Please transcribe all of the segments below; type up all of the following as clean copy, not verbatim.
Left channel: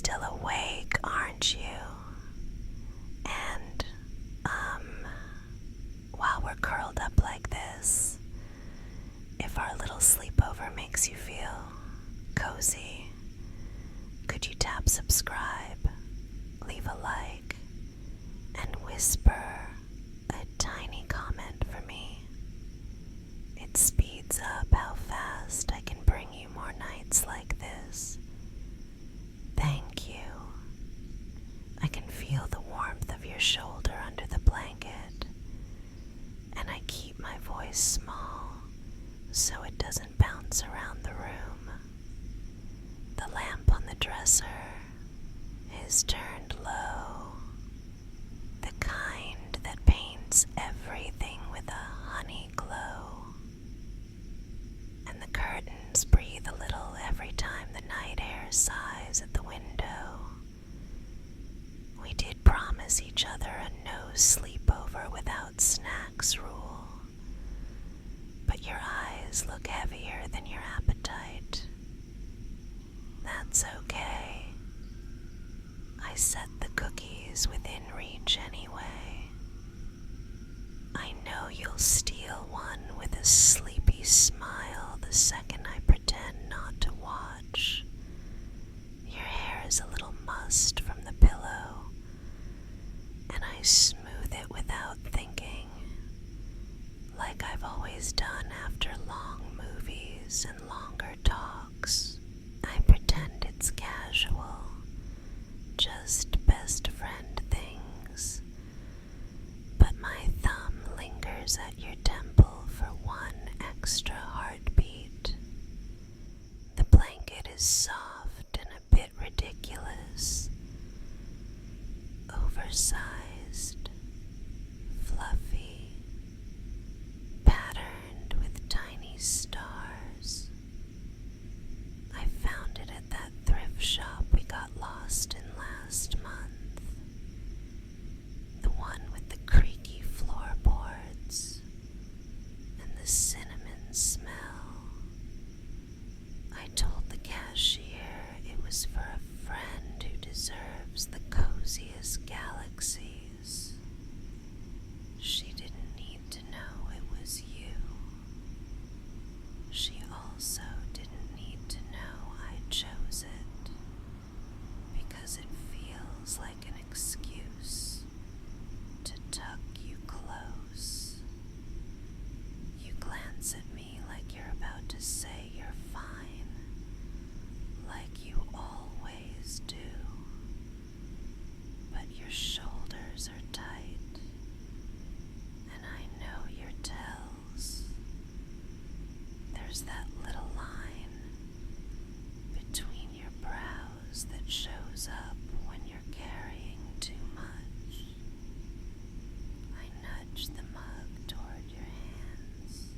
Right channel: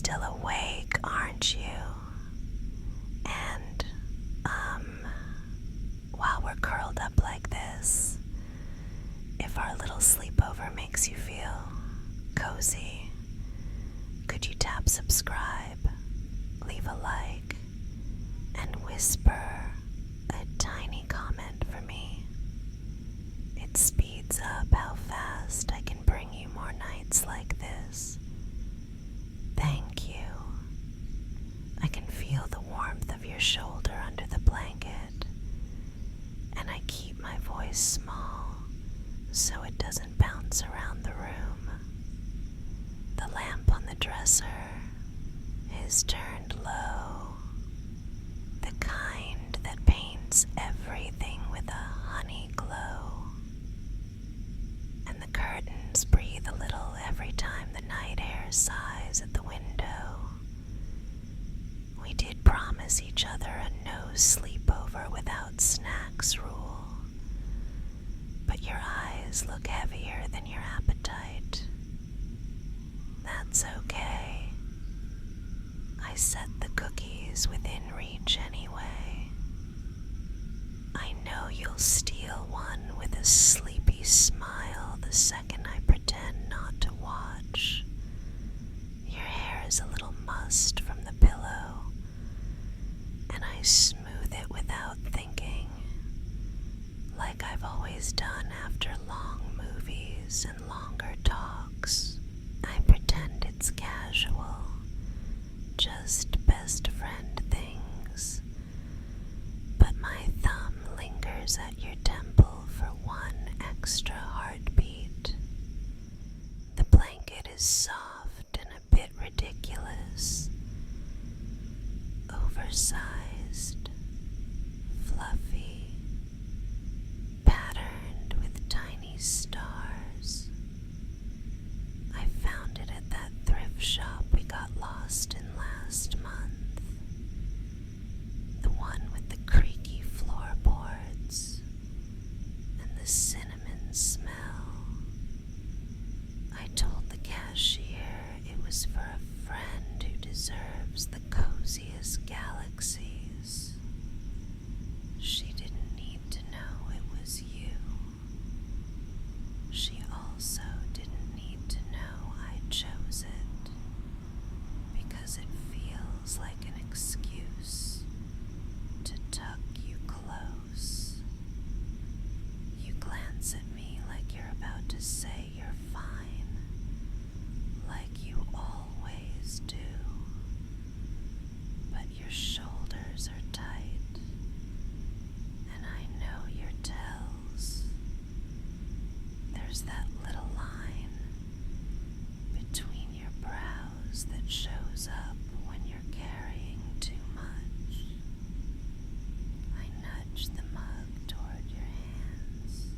still awake, aren't you? And, while we're curled up like this, if our little sleepover makes you feel cozy, could you tap subscribe, leave a like, and whisper a tiny comment for me? It speeds up how fast I can bring you more nights like this. Thank you. I can feel the warmth of your shoulder under the blanket, and I keep my voice small so it doesn't bounce around the room. The lamp on the dresser is turned low, the kind that paints everything with a honey glow, and the curtains breathe a little every time the night air sighs at the window. We did promise each other a no sleepover without snacks rule, but your eyes look heavier than your appetite. That's okay. I set the cookies within reach anyway. I know you'll steal one with a sleepy smile the second I pretend not to watch. Your hair is a little mussed from the pillow, and I smooth it without thinking, like I've always done after long movies and longer talks. I pretend it's casual, just best friend things, but my thumb lingers at your temple for one extra heartbeat. The blanket is soft and a bit ridiculous, oversized, fluffy, patterned with tiny stars. I found it at that thrift shop we got lost in last month. The one with the creaky floorboards and the cinnamon smell. I told the cashier it was for a friend who deserves the coziest galaxies. She didn't need to know it was you. She also didn't need to know I chose it, because it feels like an excuse to tuck you close. You glance at me like you're about to say you're fine, like you always do, but your shoulders are tight, and I know your tells. There's that little line between your brows that shows up when you're carrying too much. I nudge the mug toward your hands.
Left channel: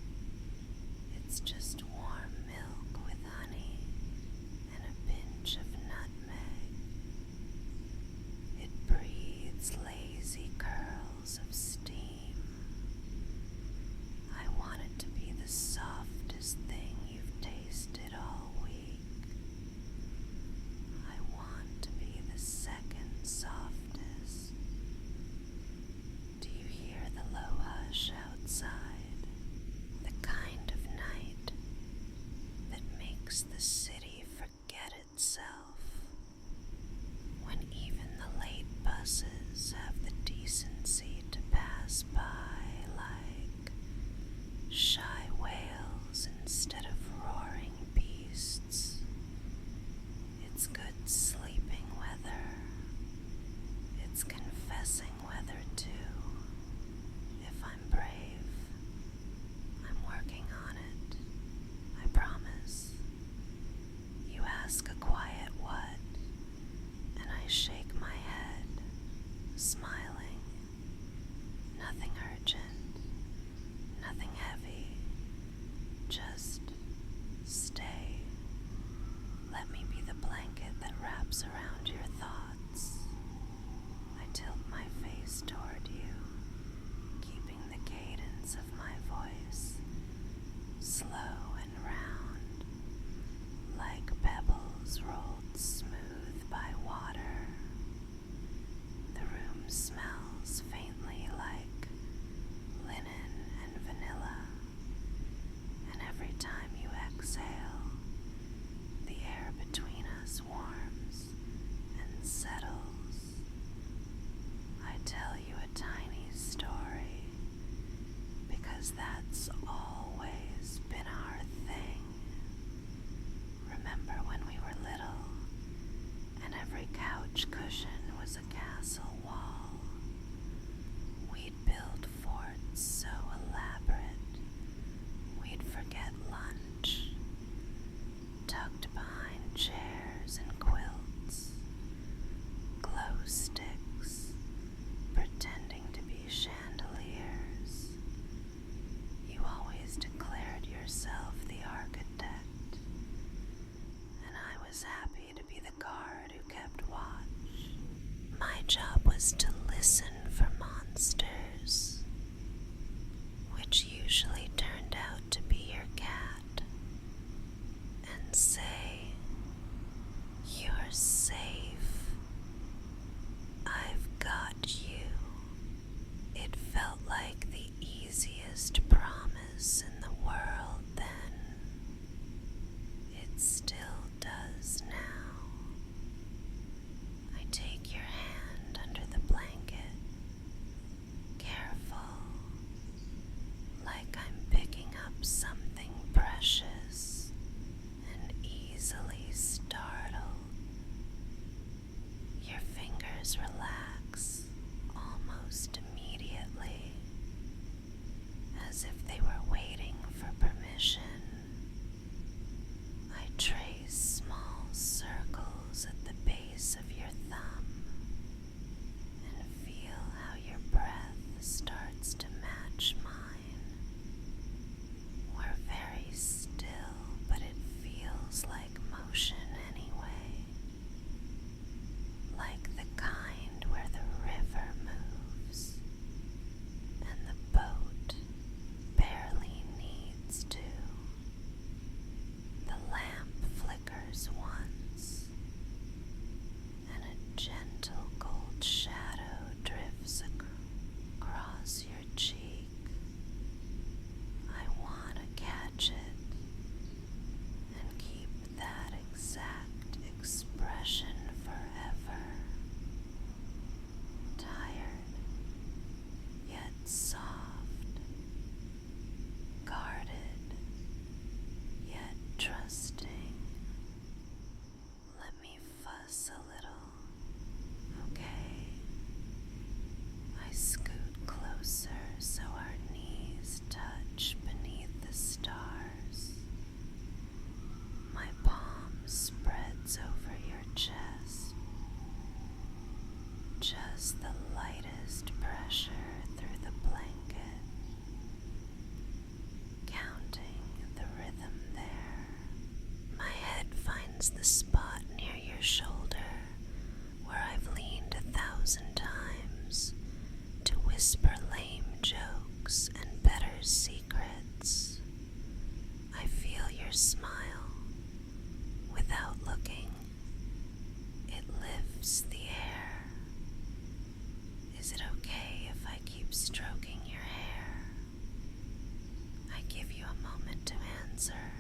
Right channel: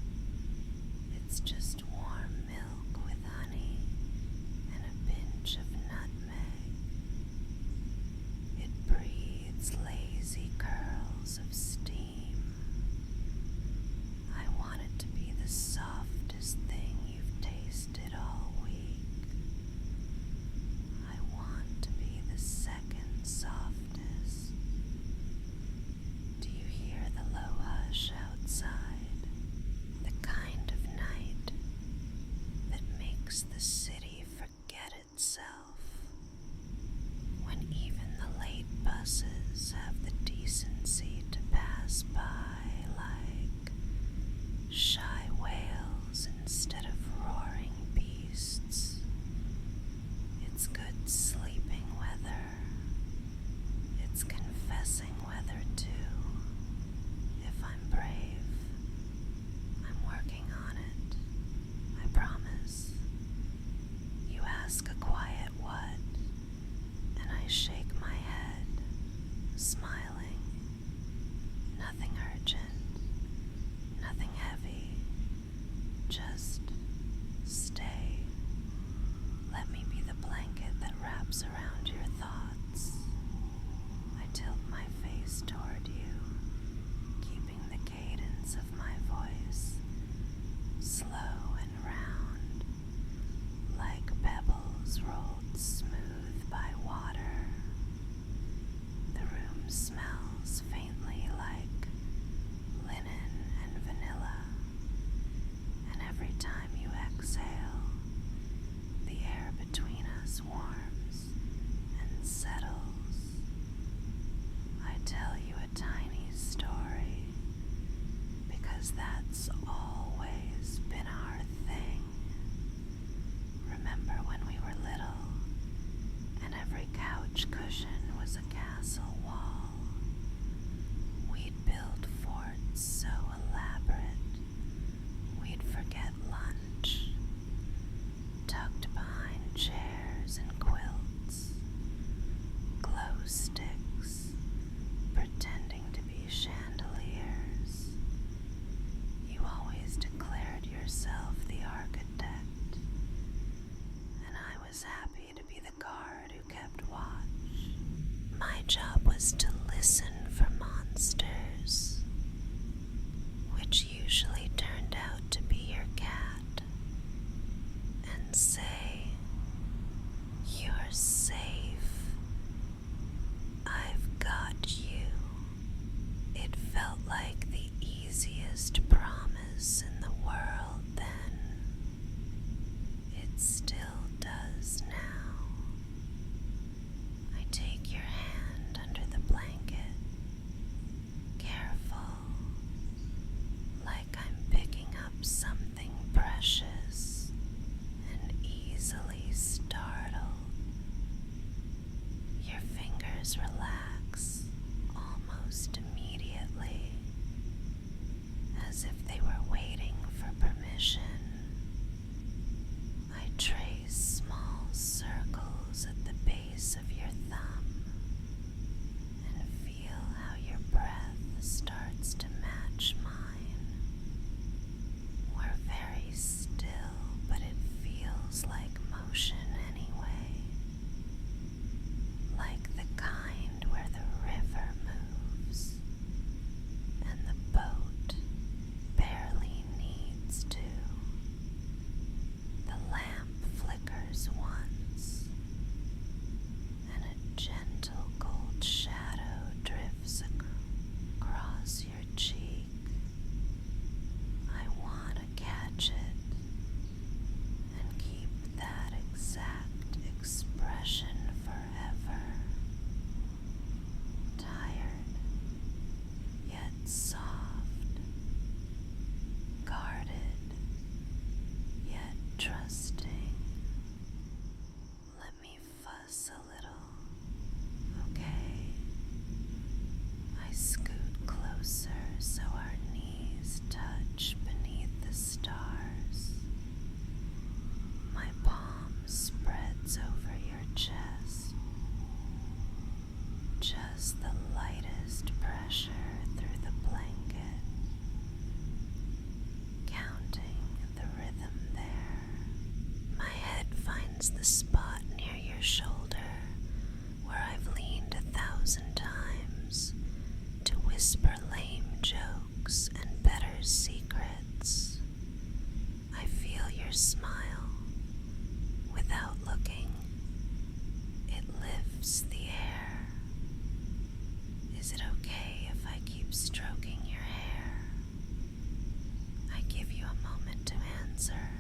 It's just warm milk with honey and a pinch of nutmeg. It breathes lazy curls of steam. I want it to be the softest thing you've tasted all week. I want to be the second softest. Do you hear the low hush outside? The kind of night that makes the city forget itself. When even the late buses have the decency to pass by like shy whales instead of roaring beasts. It's good sleeping weather. It's confessing weather too. If I'm brave, I'm working on it. I promise. You ask a quiet what, and I shake my head, smiling. Nothing urgent, nothing heavy, just stay. Let me be the blanket that wraps around your thoughts. I tilt my face toward you, keeping the cadence of my voice slow and round, like pebbles rolled smooth by water. couch cushion was a castle wall. We'd build forts so elaborate, we'd forget lunch, tucked behind chairs and quilts, glow sticks, pretending to be chandeliers. You always declared yourself the architect, and I was happy to be the guard who kept watch. My job was to listen for monsters, which usually turned out to be your cat, and say, "You're safe. I've got you." It felt like the easiest promise in the world then. It still does now. I take your hand under the blanket, careful, like I'm picking up something precious, and easily startled. Your fingers relax almost immediately, as if they were waiting for permission. I trace small circles at the base of your thumb and feel how your breath starts to match mine. We're very still, but it feels like motion anyway, like the kind where the river moves and the boat barely needs to. The lamp flickers once, and a gentle gold shadow drifts across your cheek. I want to catch it and keep that exact expression forever. Tired, yet soft, guarded, yet trusting. Let me fuss a little, okay? I scoot closer so our knees touch beneath the stars. My palm spreads over your chest, just the lightest pressure through the blanket, counting the rhythm there. My head finds the spot near your shoulder where I've leaned 1,000 times to whisper lame jokes and better secrets. I feel your smile. Without looking, it lifts the air. Is it okay if I keep stroking your hair? I give you a moment to answer,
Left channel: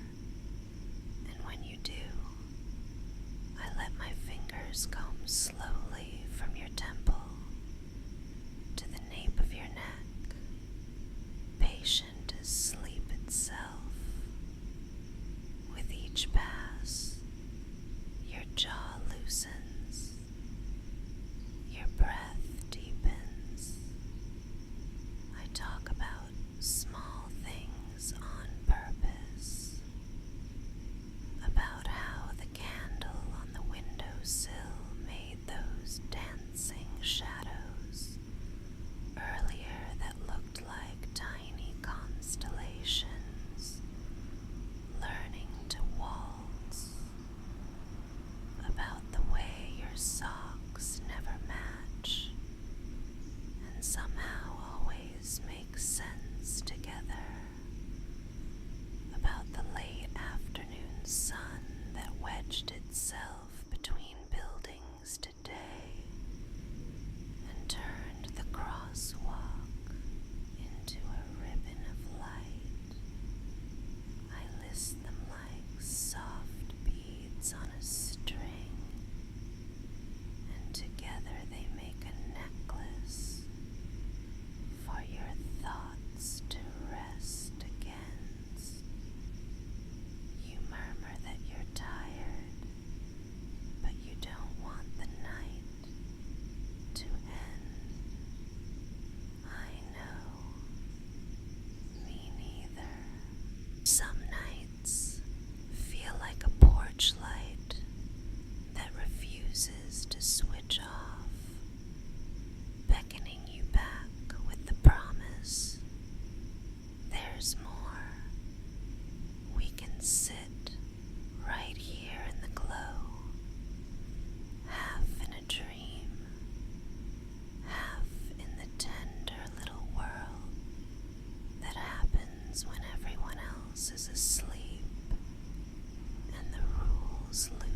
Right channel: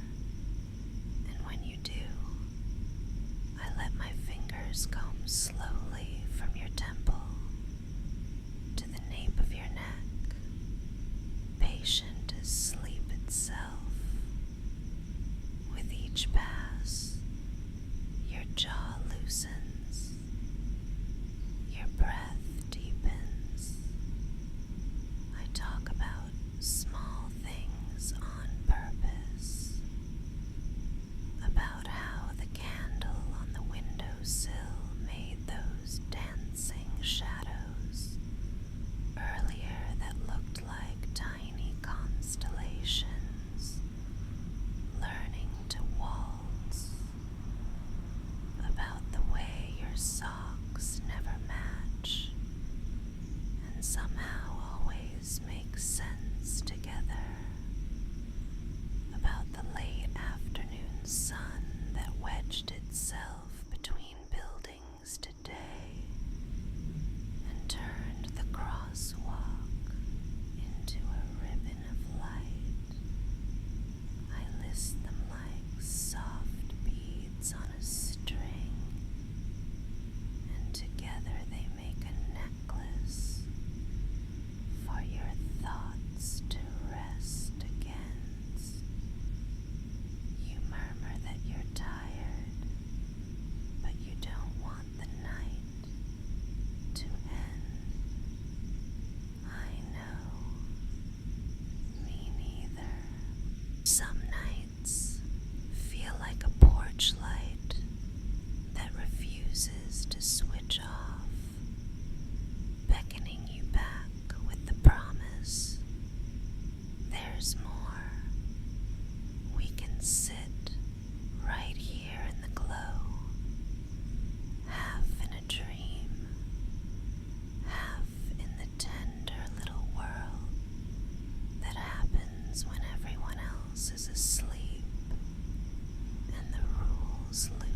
and when you do, I let my fingers comb slowly from your temple to the nape of your neck, patient as sleep itself. With each pass, your jaw loosens, your breath deepens. I talk about small things on purpose, about how the candle on the windowsill made those dancing shadows earlier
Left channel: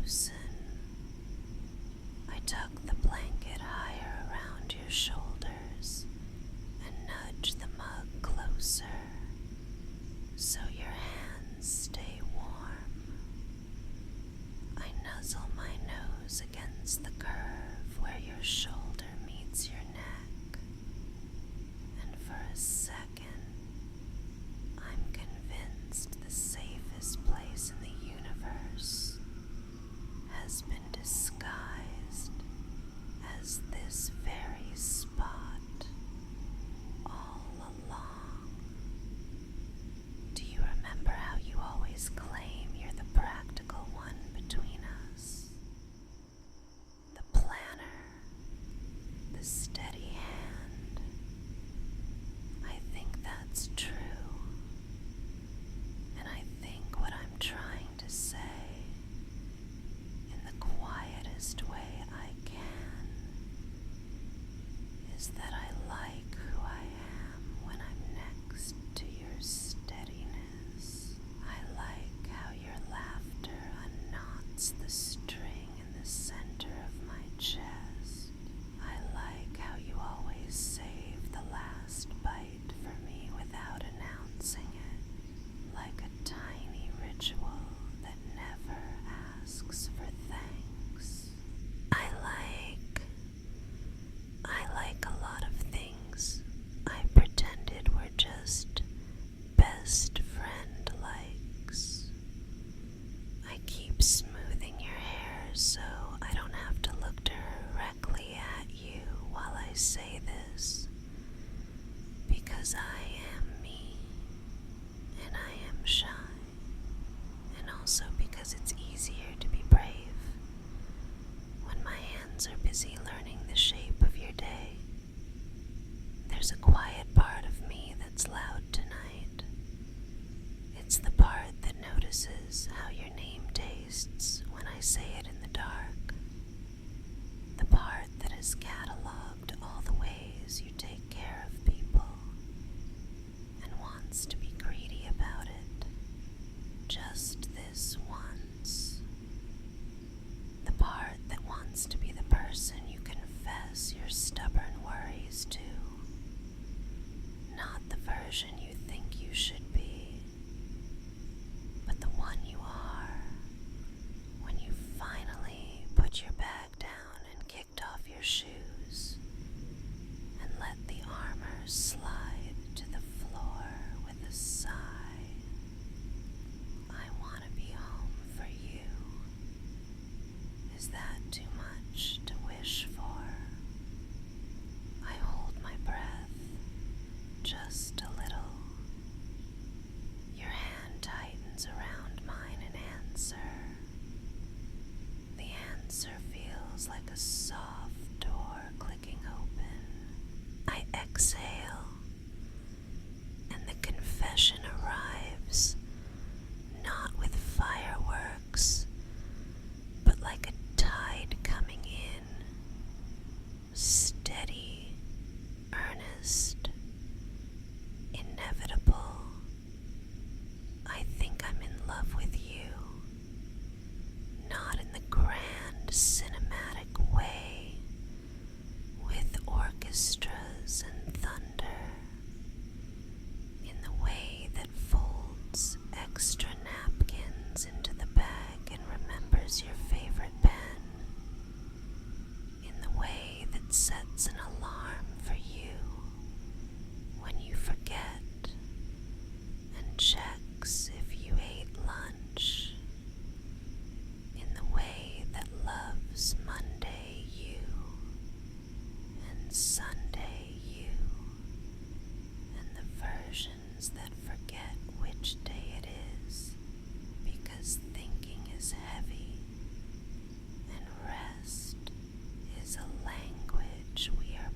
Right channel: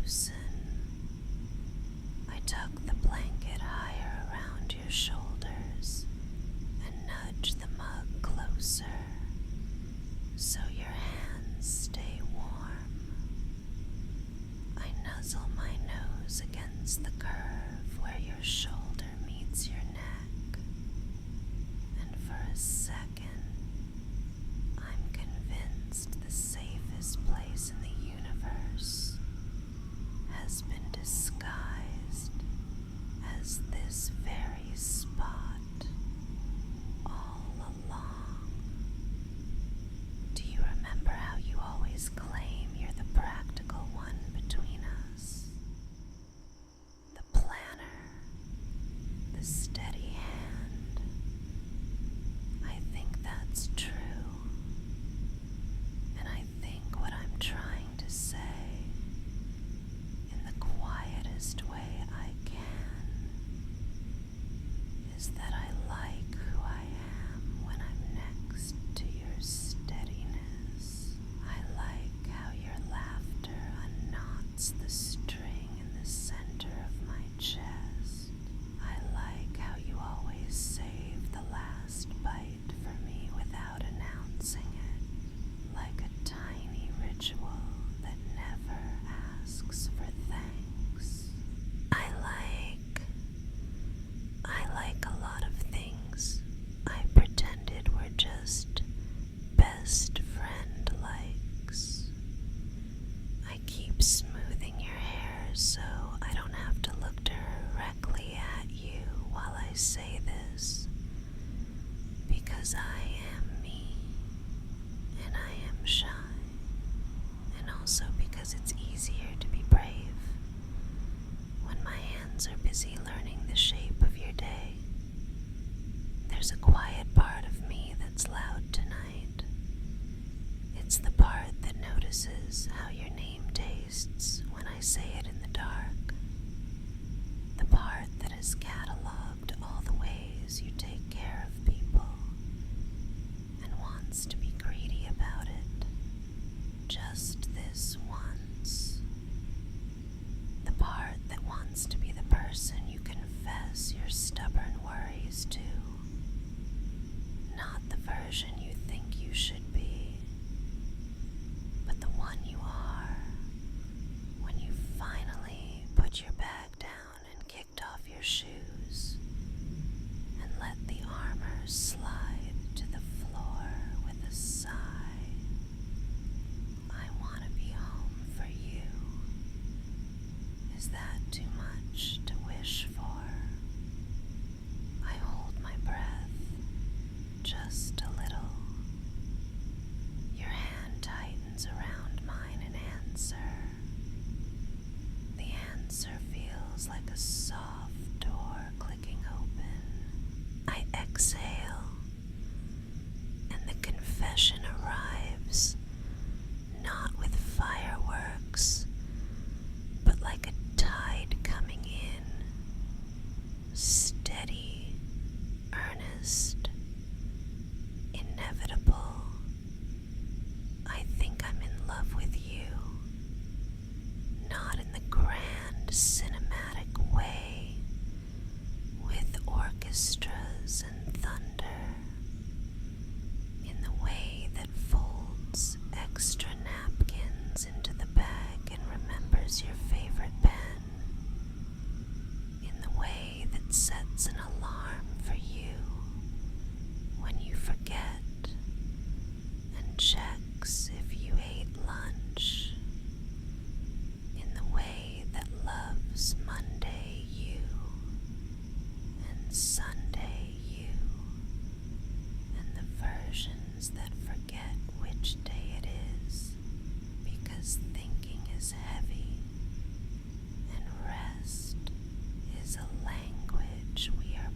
loosen. I tuck the blanket higher around your shoulders and nudge the mug closer so your hands stay warm. I nuzzle my nose against the curve where your shoulder meets your neck, and for a second, I'm convinced the safest place in the universe has been disguised as this very spot all along. Do you remember how you always claim you're the practical one between us? The planner, the steady hand. I think that's true. And I think what I'm trying to say, in the quietest way I can, is that I like who I am when I'm next to your steadiness. I like how your laughter unknots the string in the center of my chest. I like how you always save the last bite for me without announcing it, like a tiny ritual that never asks for thanks. I like a lot of things I pretended were just best friend likes. I keep smoothing your hair so I don't have to look directly at you while I say this, because I am me, and I am shy, and also because it's easier to be brave when my hands are busy learning the shape of your day. There's a quiet part of me that's loud tonight. It's the part that notices how your name tastes when I say it in the dark. The part that has cataloged all the ways you take care of people and wants to be greedy about it. Just this once. The part that wants to be the person you confess your stubborn worries to. Not the version you think you should be, but the one you are when you finally put your bag down and kicked off your shoes and let the armor slide to the floor with a sigh. I want to be home for you. Is that too much to wish for? I hold my breath just a little. Your hand tightens around mine and answer. The answer feels like a soft door clicking open. I exhale, and the confession arrives, not with fireworks, but like a tide coming in, steady, earnest, inevitable. I think I'm in love with you, not in the grand cinematic way, with orchestras and thunder, in the way that folds extra napkins into the bag and remembers your favorite pen, in the way that sets an alarm for you when you forget and checks if you ate lunch, in the way that loves Monday you and Sunday you, and the versions that forget which day it is because thinking is heavy and rest is a language we are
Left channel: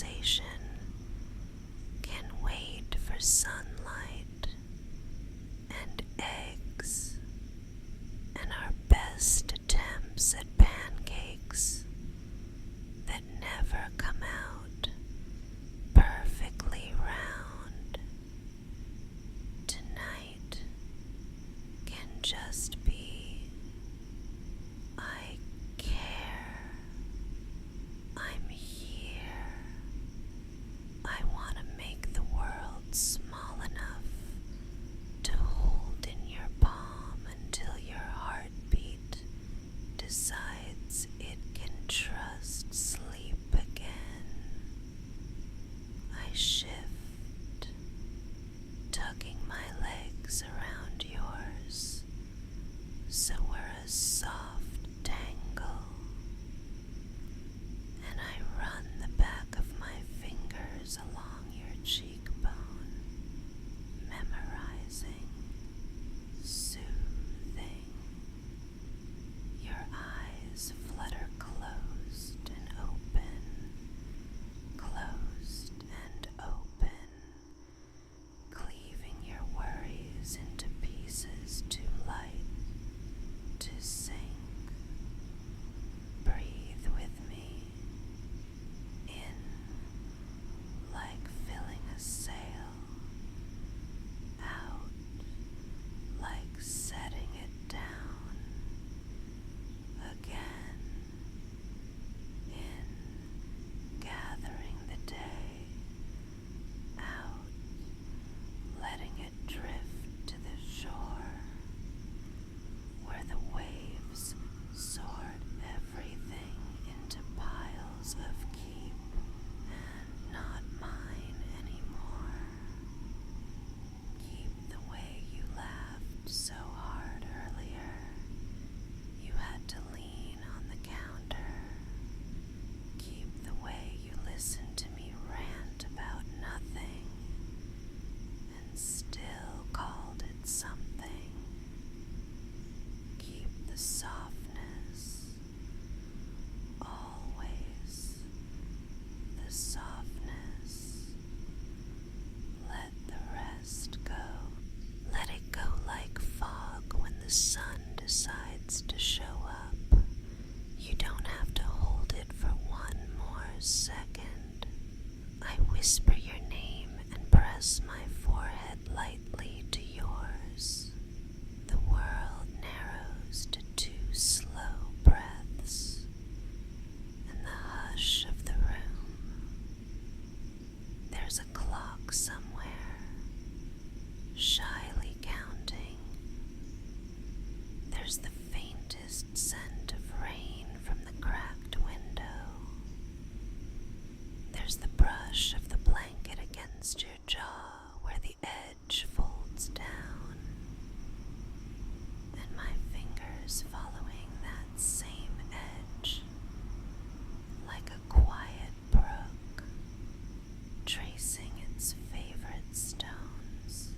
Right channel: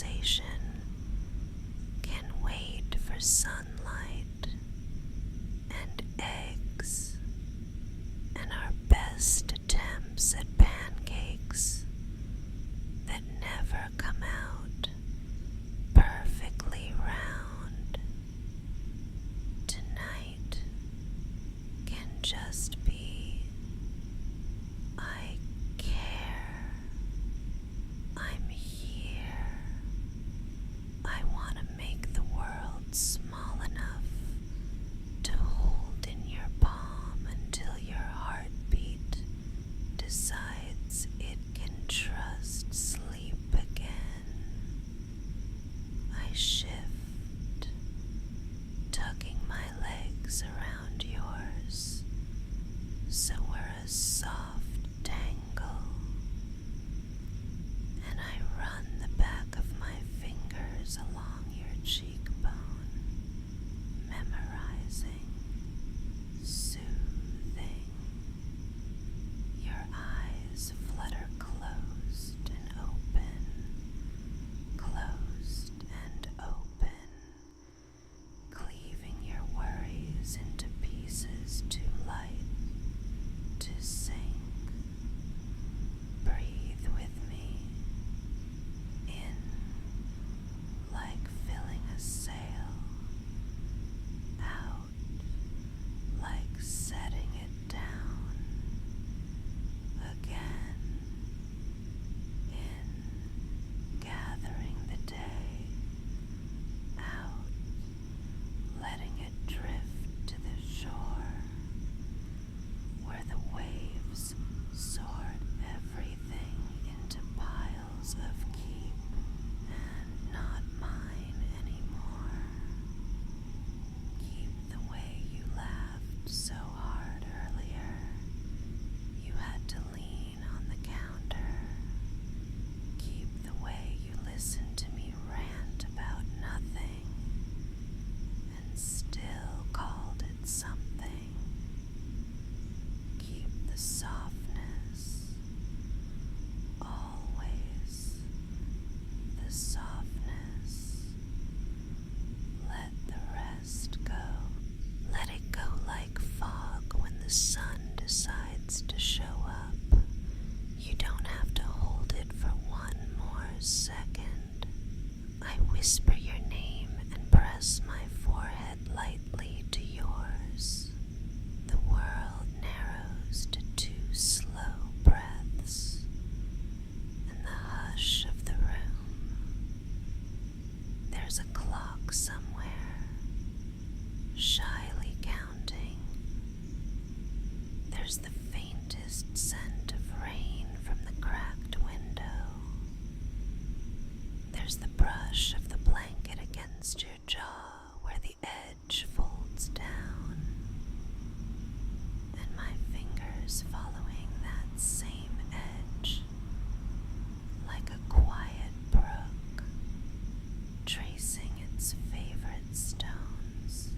relaxation can wait for sunlight and eggs and our best attempts at pancakes that never come out perfectly round. Tonight can just be, I care, I'm here, I want to make the world small enough to hold in your palm until your heartbeat decides it can trust sleep again. I shift, tugging my legs around yours so we're a soft tangle, and I run the back of my fingers along your cheekbone, memorizing, soothing. Your eyes flutter closed and open, closed and open, cleaving your worries into pieces too light to sink. Breathe with me, in like filling a sail, out like setting it down, again, in gathering the day, out letting it drift to the shore, where the waves sort everything into piles of keep and not mine anymore. Keep the way you laughed so hard earlier you had to lean on the counter. Keep the way you listened to me rant about nothing and still called it something. Keep the softness, always the softness. Let the rest go. Let it go like fog when the sun decides to show up. You don't have to hold it for one more second. I whisper your name and press my forehead lightly to yours. The world narrows to 2 slow breaths, and the hush of the room. There's a clock somewhere, shyly counting. There's the faintest scent of rain from the cracked window. There's the brush of the blanket against your jaw where the edge folds down, and my fingers following that same edge like a quiet brook tracing its favorite stones.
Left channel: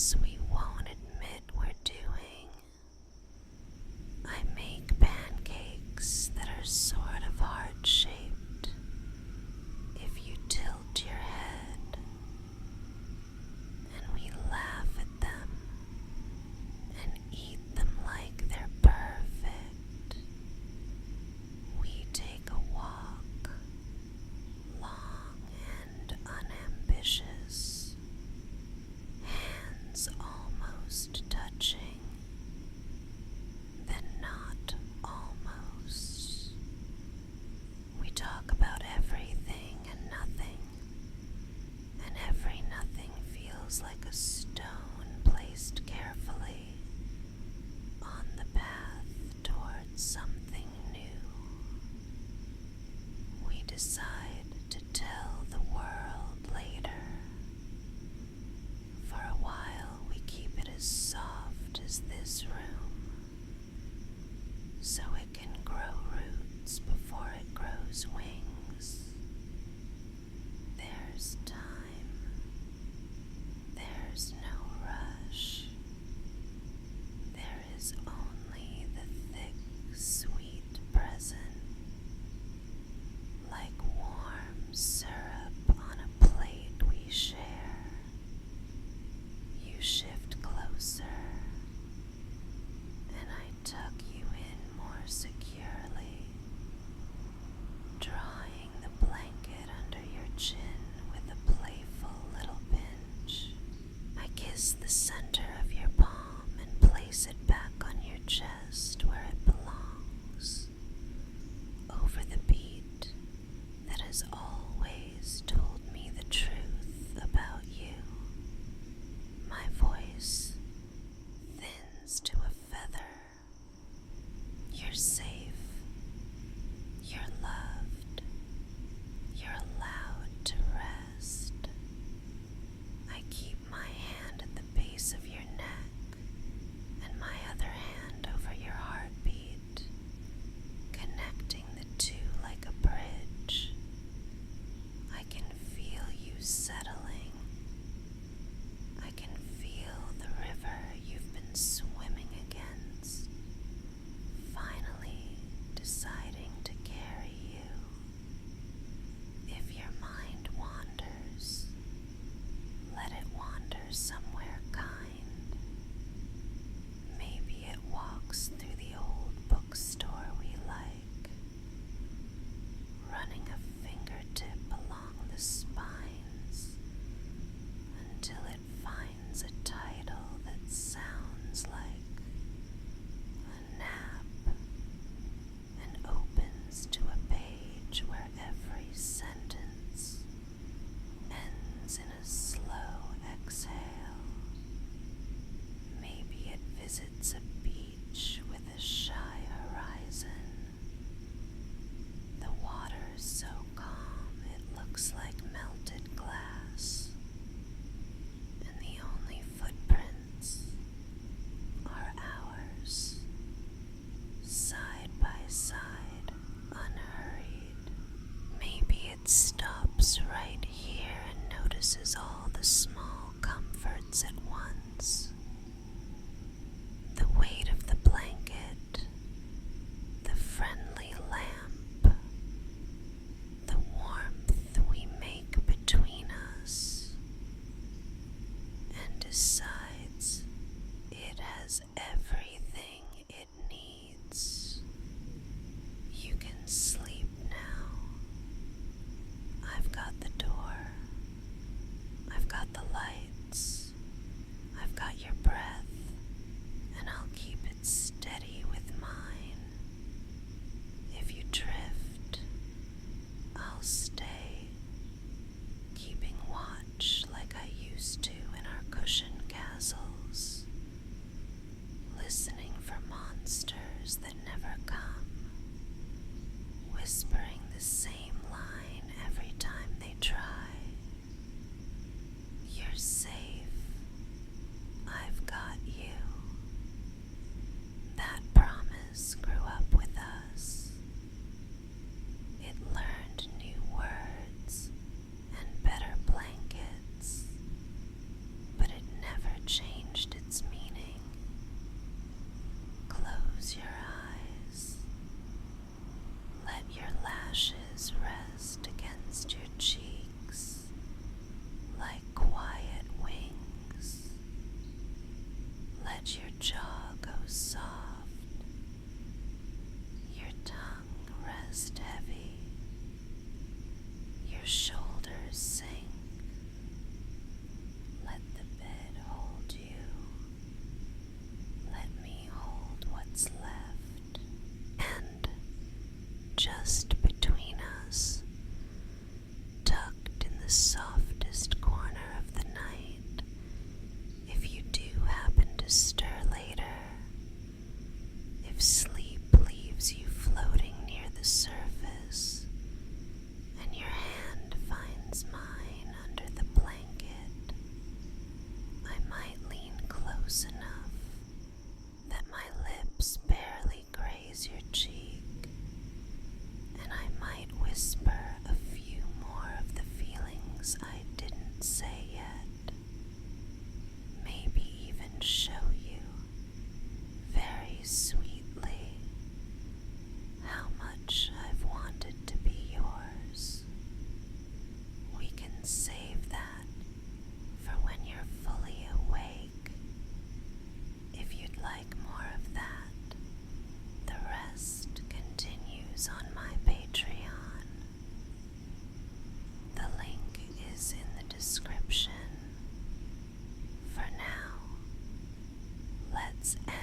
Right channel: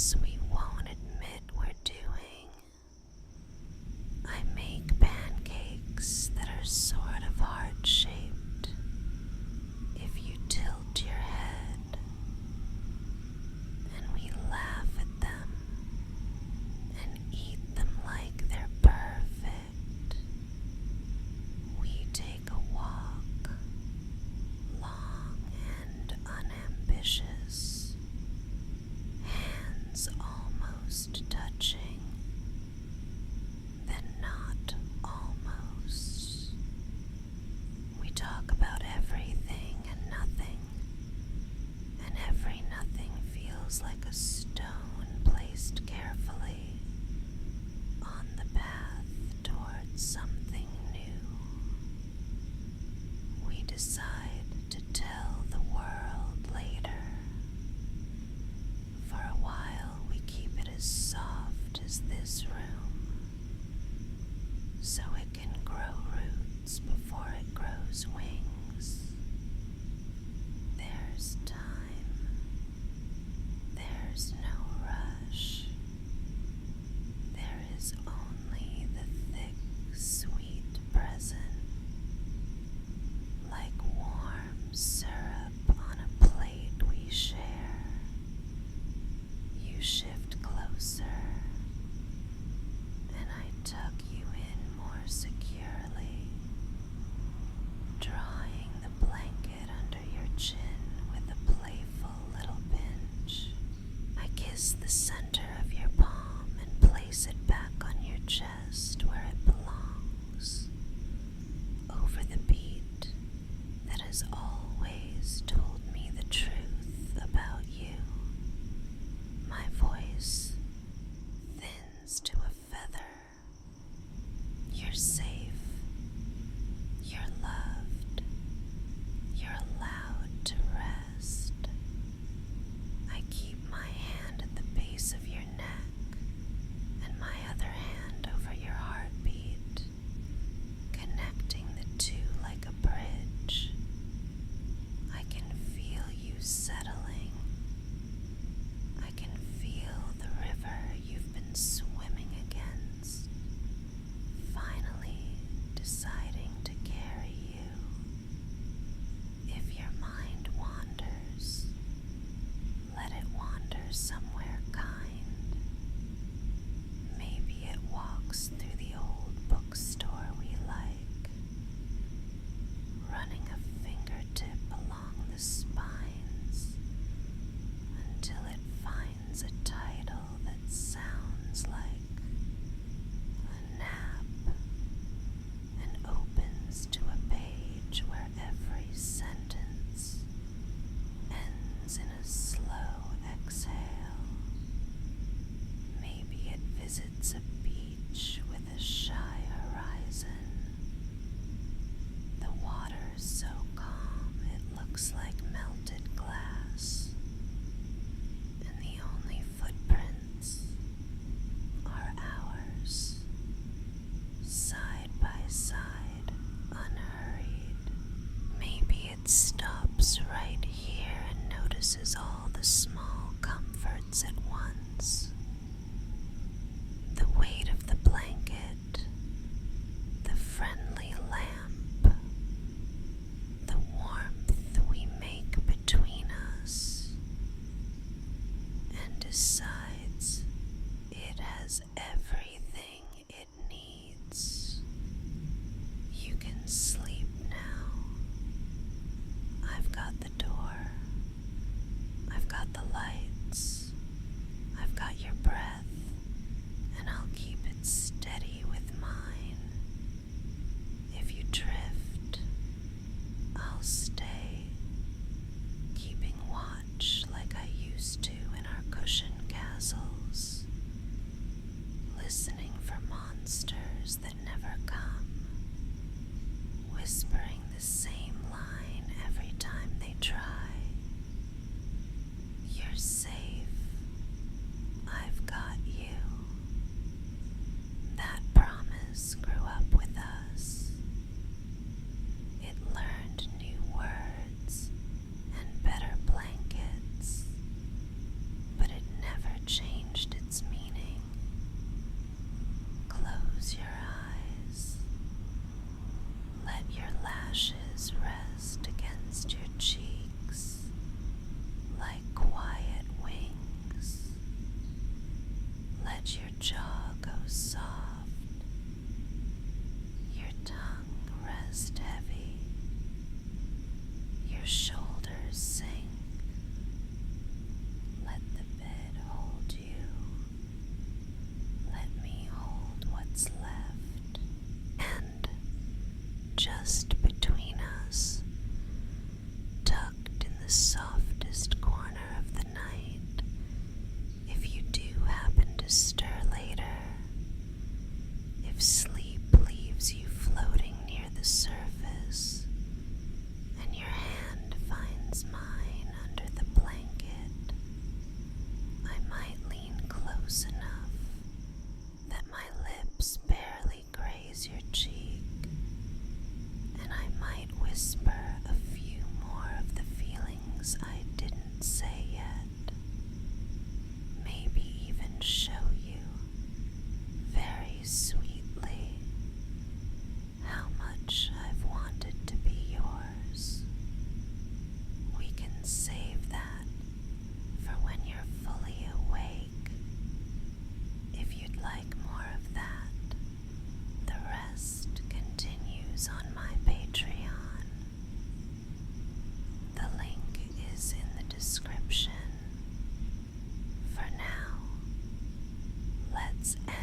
habits we won't admit we're doing. I make pancakes that are sort of heart-shaped if you tilt your head, and we laugh at them and eat them like they're perfect. We take a walk, long and unambitious, hands almost touching, then not almost. We talk about everything and nothing, and every nothing feels like a stone placed carefully on the path towards something new. We decide to tell the world later. For a while we keep it as soft as this room, so it can grow roots before it grows wings. There's time. There's no rush. There is only the thick, sweet present, like warm syrup on a plate we share. You shift closer, and I tuck you in more securely, drawing the blanket under your chin with a playful little pinch. I kiss the center of your palm and place it back on your chest where it belongs, over the beat that has always told me the truth about you. My voice thins to a feather. You're safe. You're loved. You're allowed to rest. I keep my hand at the base of your neck and my other hand over your heartbeat, connecting the two like a bridge. I can feel you settling. I can feel the river you've been swimming against, finally deciding to carry you. If your mind wanders, let it wander somewhere kind. Maybe it walks through the old bookstore we like, running a fingertip along the spines until it finds a title that sounds like a nap and opens to a page where every sentence ends in a slow exhale. Maybe it visits a beach with a shy horizon. The water's so calm it looks like melted glass, and the only footprints are ours, side by side, unhurried. Maybe it stops right here and notices all the small comforts at once. The weight of the blanket, the friendly lamp, the warmth we make between us, and decides it has everything it needs. You can sleep now. I've got the door. I've got the lights. I've got your breath, and I'll keep it steady with mine. If you drift, I'll stay, keeping watch like I used to in our cushion castles, listening for monsters that never come, Let your jaw go soft, your tongue rest heavy, your shoulders sink. Let the bed hold you. Let me hold what's left. And just between us, tucked in the softest corner of the night, if you do happen to stir later, if sleep leaves you floating near the surface, and your hand finds mine under the blanket, I might lean close enough that my lips barely graze your cheek, and I might whisper a few more of the feelings I didn't say yet, maybe even show you, very sweetly, how much I've wanted to be yours. We can save that for when you're fully awake. If you'd like more of that, the rest continues on my Patreon. The link is in the description. For now, let's end